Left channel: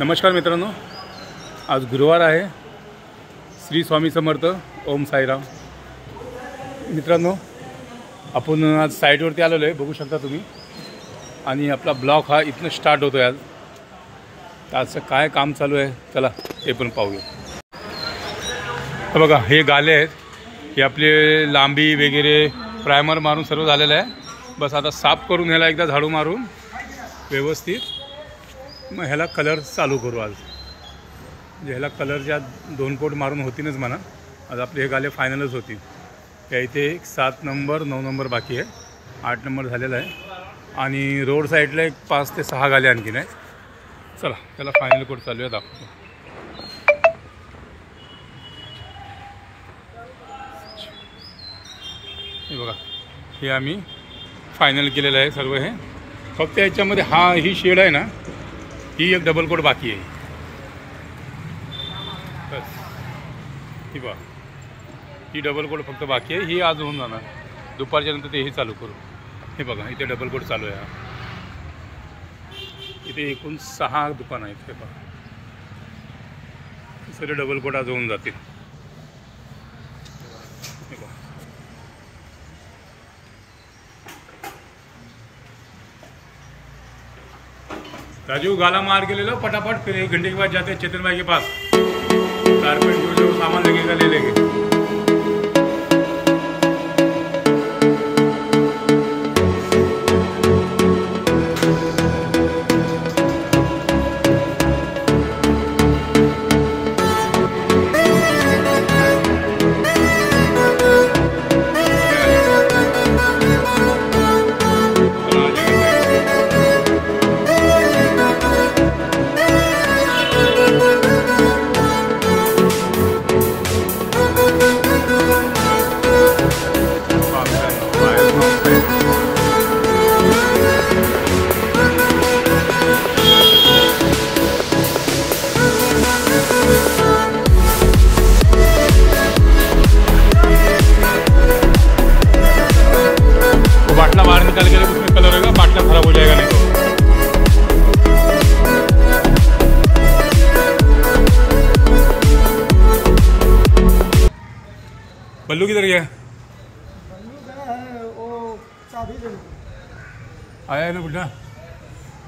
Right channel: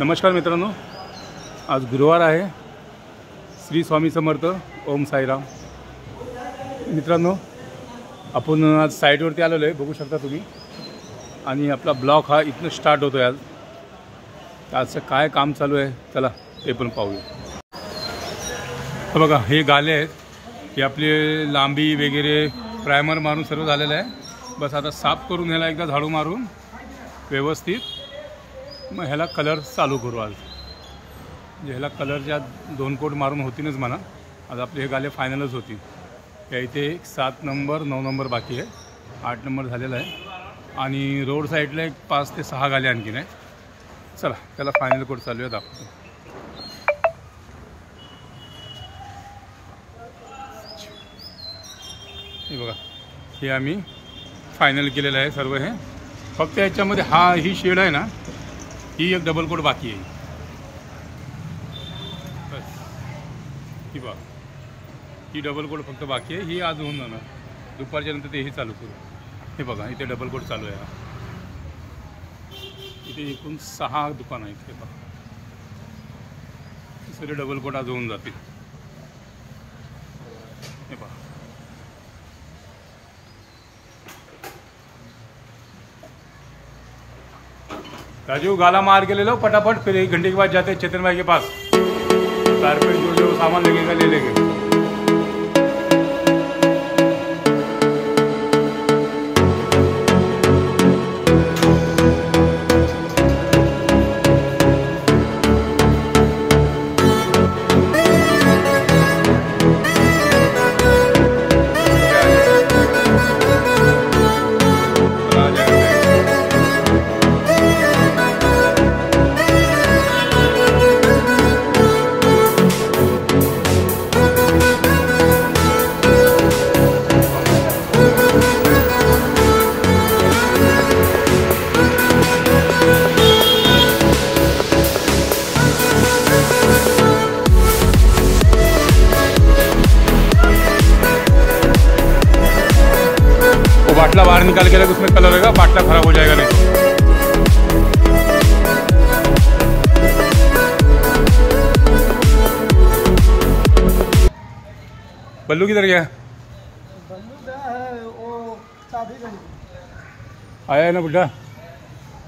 नमस्कार मित्रांनो, आज गुरुवार आहे. श्री स्वामी समर्थ. ओम साईराम. मित्रांनो, आपण आज साईटवरती आलेलो आहे, बघू शकता तुम्ही. आणि आपला ब्लॉग हा इथनं स्टार्ट होतो आहे. आज आजचं काय काम चालू आहे चला ते पण पाहूया. बघा, हे गाले आहेत, हे आपले लांबी वगैरे प्रायमर मारून सर्व झालेलं आहे. बस आता साफ करून ह्याला एकदा झाडू मारून व्यवस्थित मग ह्याला कलर चालू करू. आज म्हणजे ह्याला कलरच्या 2 कोट मारून होतीनच म्हणा. आज आपले हे गाले फायनलच होती. त्या इथे 7 नंबर 9 नंबर बाकी आहे. 8 नंबर झालेला आहे. आणि रोड साईडला एक 5 ते 6 गाले आणखीन आहे. चला त्याला फायनल कोट चालू आहे, दाखवतो. हे बघा, हे आम्ही फायनल केलेलं आहे सर्व. हे फक्त याच्यामध्ये ही शेड आहे ना, ही एक डबल कोट बाकी आहे. बस ही बघा, ही डबल कोट फक्त बाकी आहे. ही आज होऊन जाणार. दुपारच्या नंतर तेही चालू करू. हे बघा, इथे डबल कोट चालू आहे. इथे एकूण 6 दुकान आहेत. हे बघा, सगळे डबल कोट आज होऊन जातील. हे बघा, राजू गाला मार के ले लो फटाफट, फिर 1 घंटे के बाद जाते हैं चेतन भाई के पास. कारपेंट जो सामान लगेगा ले लेंगे. बाटला बाहर निकाल के उसमें कलर होगा, बाटला खराब हो जाएगा नहीं तो. बल्लू किधर गया? बल्लू गया है, वो चाबी ले आया है ना बुड्ढा,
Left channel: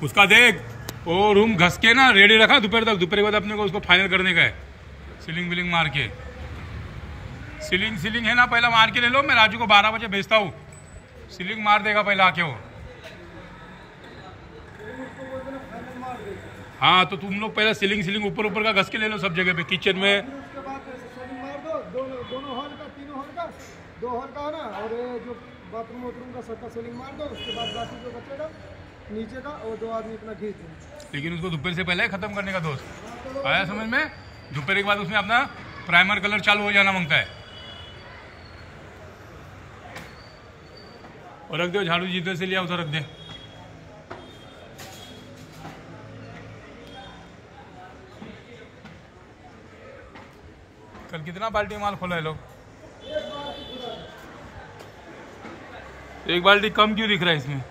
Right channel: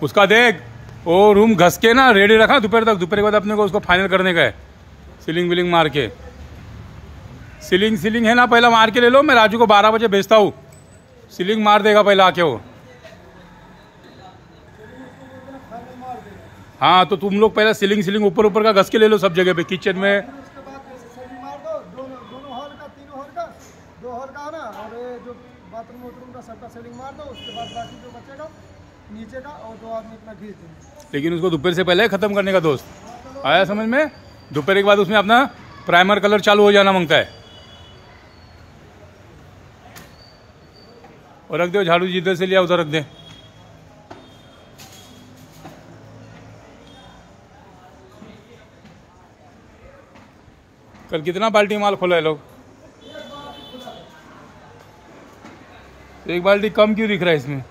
उसका देख. वो रूम घस के ना रेडी रखा दोपहर तक. दोपहर के बाद अपने को उसको फाइनल करने का है. सीलिंग विलिंग मार के, सीलिंग है ना, पहला मार के ले लो. मैं राजू को 12 बजे भेजता हूँ. सीलिंग मार देगा पहले आके वो. हाँ, तो तुम लोग पहले सीलिंग ऊपर का घस के ले लो सब जगह पे, किचन में. उसके बाद सेलिंग मार दो. दोनों हॉल का, तीनों हॉल का, 2 हॉल का ना, और जो बाथरूम का सबका सेलिंग मार दो. उसके बाद बाकी जो बचेगा नीचे का, और 2 आदमी अपना घीच देंगे. लेकिन उसको दोपहर से पहले खत्म करने का दोस्त. आया समझ में? दोपहर के बाद उसमें अपना प्राइमर कलर चालू हो जाना मांगता है. और रख दो झाड़ू, जिधर से लिया उधर रख दे. कल कितना बाल्टी माल खोला है लोग? 1 बाल्टी कम क्यों दिख रहा है इसमें?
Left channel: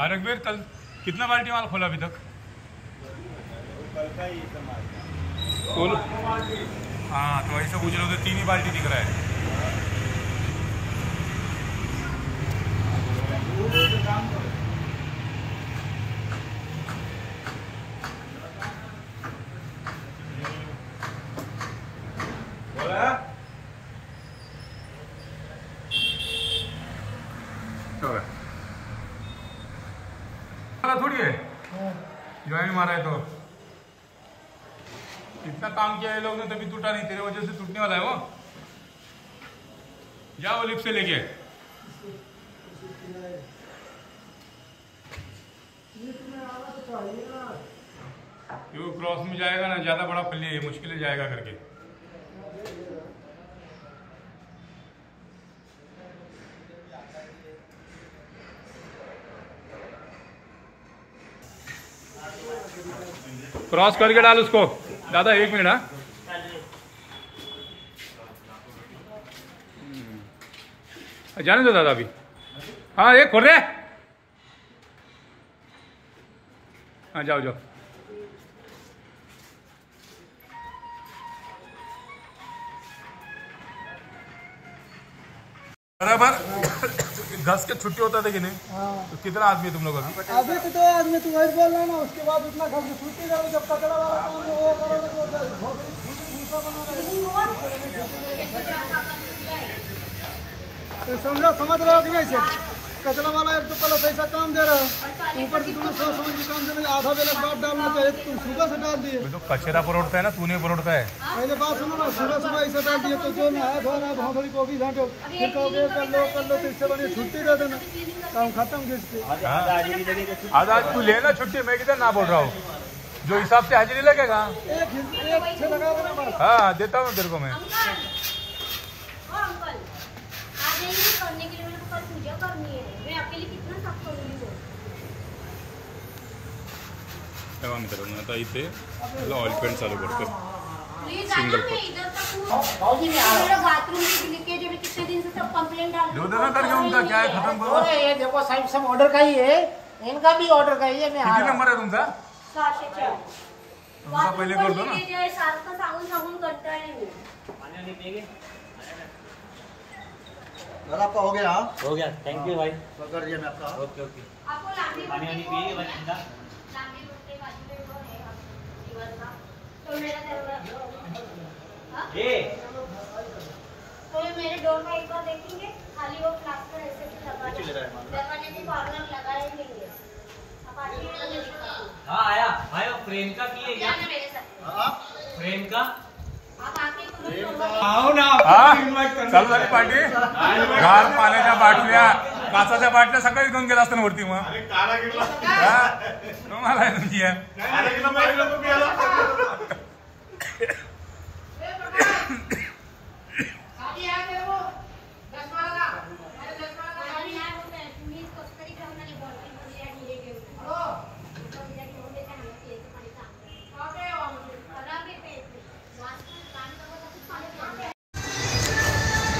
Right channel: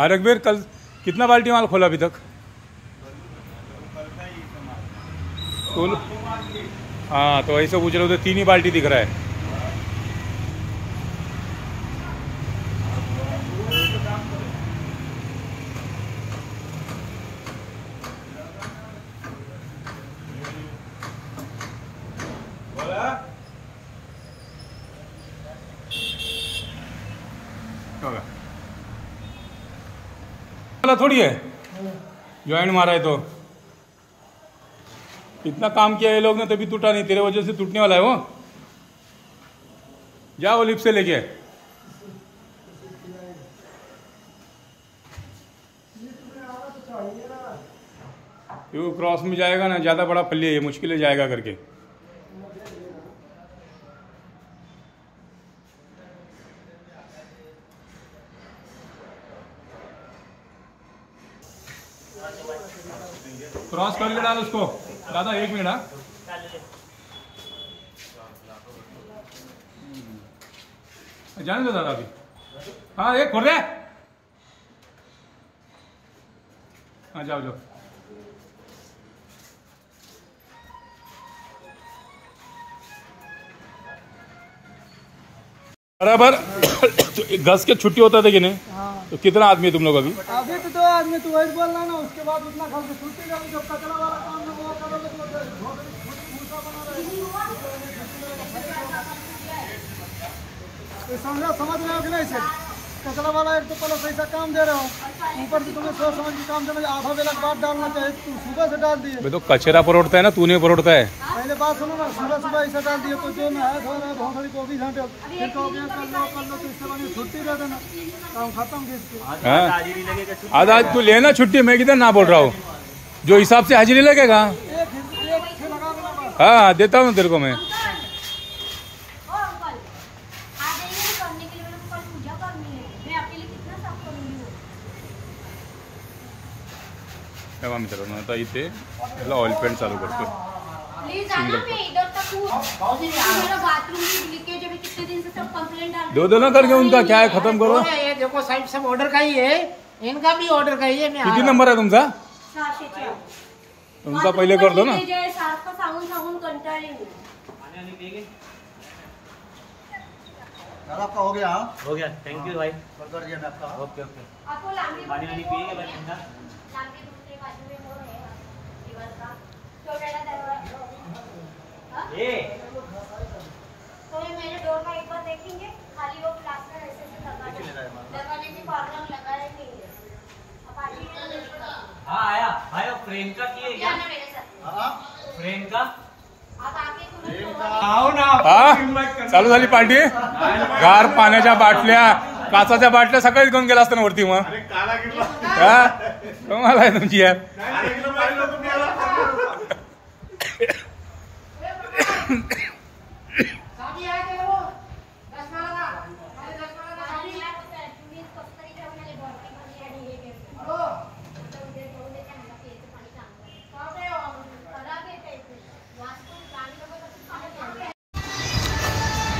रघबीर, कल कितना बाल्टी माल खोला अभी तक? तो हाँ, तो ऐसे पूछ रहे हो तो 3 ही बाल्टी दिख रहा है. थोड़ी है ज्वाइंट मारा है. तो इतना काम किया ये लोग ने, तभी टूटा नहीं. तेरे वजह से टूटने वाला है वो. जा वो लिप से लेके. ये क्रॉस में जाएगा ना, ज्यादा बड़ा पल्ली है, मुश्किल है जाएगा करके. क्रॉस करके डाल उसको. दादा 1 मिनट. जाने दो दादा अभी. हाँ, एक खोल रहे. हाँ जाओ जाओ। बराबर। घस के छुट्टी होता था कि नहीं? तो कितना आदमी है तुम लोग अभी? अभी तो 2 आदमी, तू वही बोल रहा ना, उसके बाद उतना घर से छुट्टी रही, जब कचरा वाला काम है वो करोगे तो समझ रहे हो कि नहीं सर? कचरा वाला एक तो पहले पैसा काम दे रहे हो, ऊपर से तुम्हें सोच समझ के काम देना, आधा बेला बाद डालना चाहिए, तू सुबह से डाल दिए। तो कचरा परोड़ता है ना, तूने परोड़ता है। पहले बात सुनो ना, सुबह ऐसा डाल दिए तो जो नहाया धो रहा है भोसड़ी को भी झाँटे, फिर कहोगे कर लो तो इससे बढ़िया छुट्टी दे देना, काम खत्म खींच के। आधा तू लेना छुट्टी, मैं किधर ना बोल रहा हूँ, जो हिसाब से हाजिरी लगेगा। एक से लगा देना बस। हाँ देता हूँ तेरे को मैं। तेव्हा मित्रांनो आता इथे ऑइल पेंट चालू करतो सिंगल पट। दो देना करके उनका क्या है, खत्म करो। ये देखो साइड सब ऑर्डर का ही है, इनका भी ऑर्डर का ही है। किती नंबर है तुमचा? उनका पहले कर दो ना। आपका हो गया? हो गया, थैंक यू भाई। कर दिया मैं आपका। Okay okay. पानी वानी पिए भाई ठंडा। ये तो ये मेरे डोर का एक बार देखेंगे, खाली वो प्लास्टर ऐसे लगाने की प्रॉब्लम लगा रहेंगे। अब आगे हाँ आया भाई, वो फ्रेम का किए क्या? ना मेरे साथ फ्रेम का आप आके तुरंत आओ ना। चालू झाली पार्टी। गार पाण्याच्या बाटल्या, काचाच्या बाटल्या सकाळीच घेऊन गेला असताना वरती मग तुम्हाला आहे तुमची यार।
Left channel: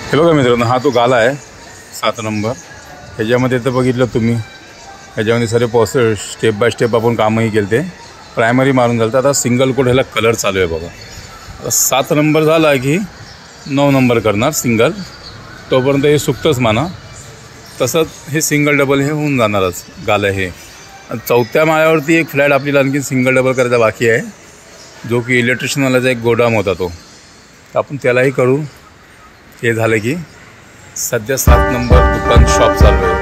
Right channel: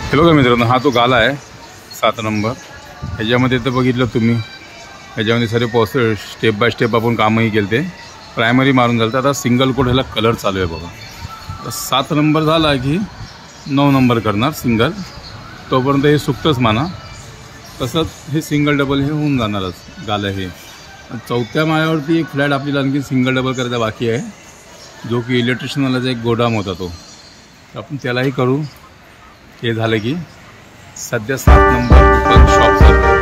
हे बघा मित्रांनो, हा तो गाला आहे 7 नंबर। ह्याच्यामध्ये तर बघितलं तुम्ही, ह्याच्यामध्ये सारे प्रोसेस स्टेप बाय स्टेप आपण कामही केले ते। प्रायमरी मारून झालं, आता सिंगल कोट ह्याला कलर चालू आहे बघा। आता 7 नंबर झाला की 9 नंबर करणार सिंगल, तोपर्यंत हे सुकतंच माना। तसंच हे सिंगल डबल हे होऊन जाणारच गालं हे। 4थ्या माळ्यावरती एक फ्लॅट आपल्याला आणखी सिंगल डबल करायचा बाकी आहे, जो की इलेक्ट्रिशियनवाल्याचा एक गोडाऊन होता तो, तर आपण त्यालाही करू। हे झालं की सध्या 7 नंबर दुकान शॉप चालू आहे।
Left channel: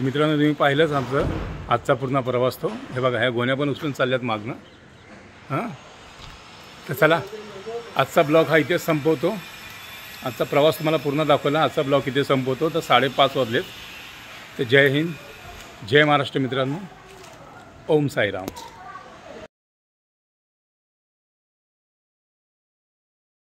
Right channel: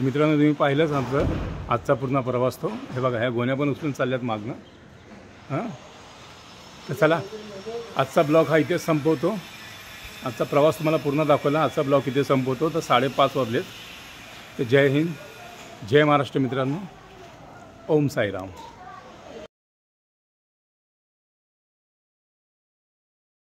मित्रांनो तुम्ही पाहिलंच आमचं आजचा पूर्ण प्रवास तो। हे बघा ह्या गोण्या पण उचलून चालल्यात मागनं। हां तर चला आजचा ब्लॉग हा इथेच संपवतो। आजचा प्रवास तुम्हाला पूर्ण दाखवला, आजचा ब्लॉग इथे संपवतो। तर 5:30 वाजलेत। तर जय हिंद, जय महाराष्ट्र मित्रांनो, ओम साईराम।